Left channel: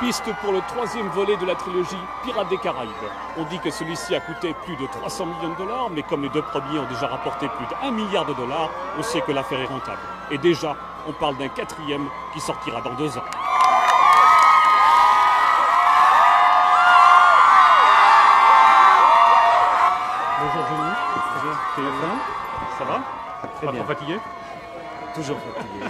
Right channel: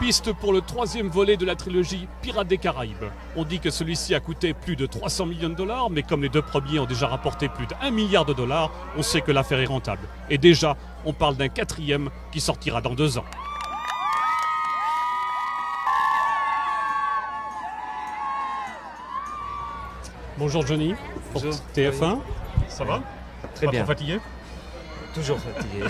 pistes pour le troisième volet de la trilogie Pirates des Caraïbes. On dit que celui-ci a coûté plus de 300 millions de dollars, mais comme les deux premiers ont déjà rapporté plus d'1 milliard de dollars, on sait que l'affaire est rentable. Et déjà, on parle d'un quatrième qui sortira dans 2 ans. Bonjour Johnny. Bonjour. TF1. Ça va? Très bien. Pas trop fatigué? Toujours fatigué.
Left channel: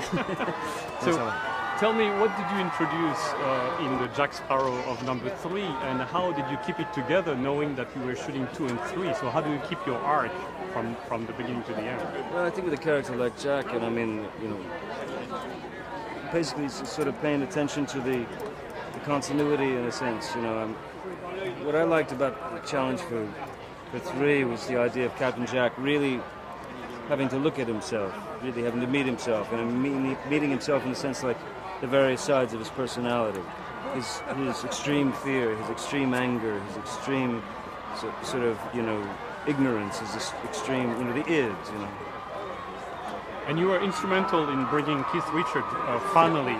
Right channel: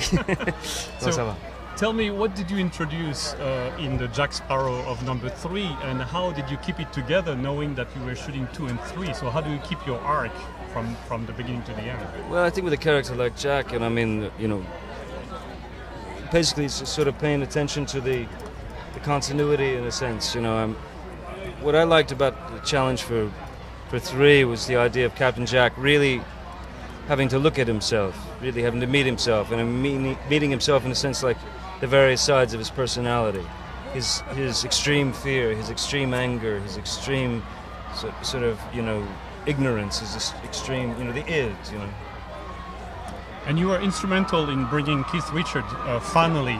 Non, ça va. Tell me, what did you introduce in the Jack Sparrow of number 3, and how did you keep it together, knowing that you were shooting 2 and 3? So how do you keep your arc from the beginning to the end? Well, I think with a character like Jack, and I mean, you know, basically it's sort of paying attention to the continuity in a sense. You know, what I liked about the challenge for 3 was the idea of Captain Jack really having to look at himself, really having to meet himself, and meeting himself in a sense like the various sides of his personality, his extreme fear, his extreme anger, his extreme sort of, you know, ignorance, his extreme, you know, the id, you know. And you were instrumental in bringing Keith Richards finally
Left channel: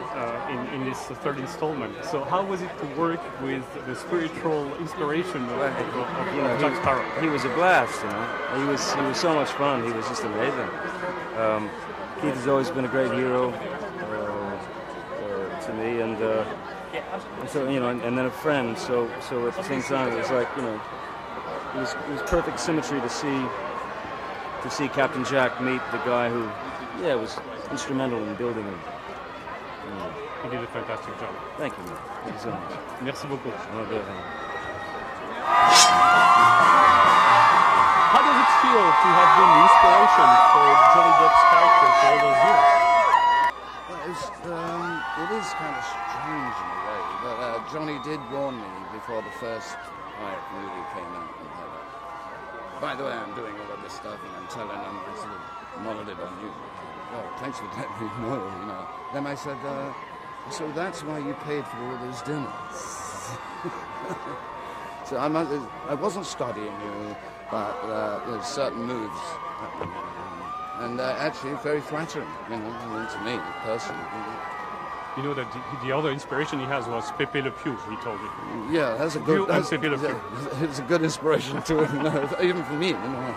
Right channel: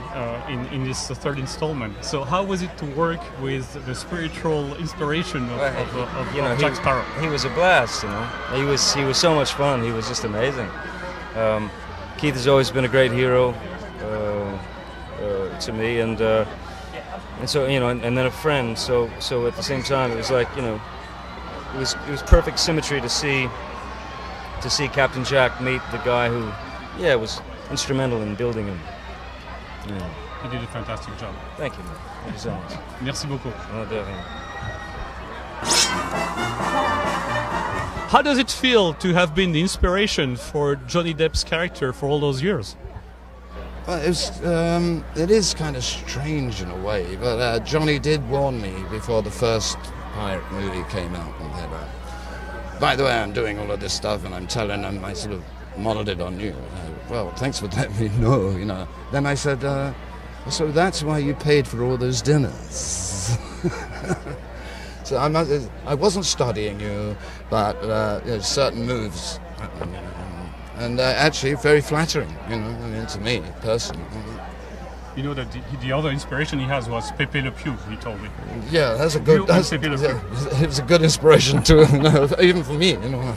in this third installment. So how was it to work with the spiritual inspiration of Jack Sparrow? He was a blast, you know. He was so much fun. He was just amazing. Keith has always been a great hero to me, and so, you know, and then a friend. So at the same time, it was like, you know, it was perfect symmetry to see Captain Jack meet the guy who, yeah, was instrumental in building him. Yeah. He did a fantastic job. Thank you. Thank you so much. Merci beaucoup. Oh, definitely. How does it feel to have been the inspiration for Johnny Depp's character for all those years? It is kind of strange in a way, but Johnny did warn me before the first pirate movie came out, and that, by the way, I'm doing all of this stuff, and I'm telling them, I sort of modeled it on you. Well, thanks for letting me know, you know. Then I said, so that's why you paid for all those dinners. So I wasn't studying you, but you know, certain moves, and actually very flattering, you know, I mean, to me personally. You know that the other inspiration he has was Pepe Le Pew, he told me. Yeah, that's a good. It's a good inspiration too, you know, even for me, you know.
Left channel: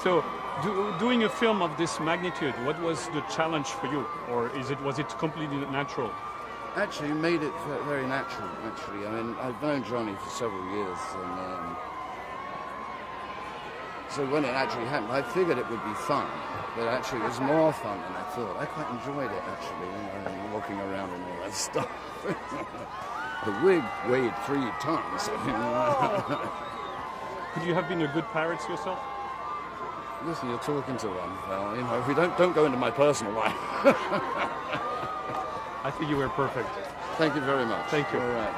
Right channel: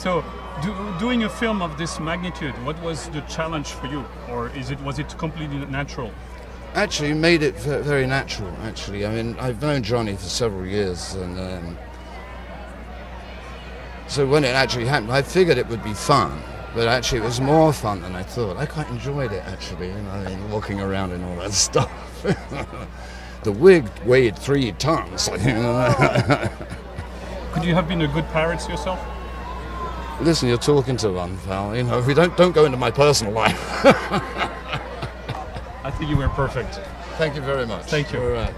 So, doing a film of this magnitude, what was the challenge for you, or was it completely natural? Actually, made it very natural. Actually, I mean, I've known Johnny for several years, and so when it actually happened, I figured it would be fun. But actually, it was more fun than I thought. I quite enjoyed it, actually, you know, walking around and all that stuff. The wig weighed 3 tons. Could you have been a good pirate yourself? Listen, you're talking to one, pal. You know, if we don't go into my personal life. I think you were perfect. Thank you very much. Thank you. All right.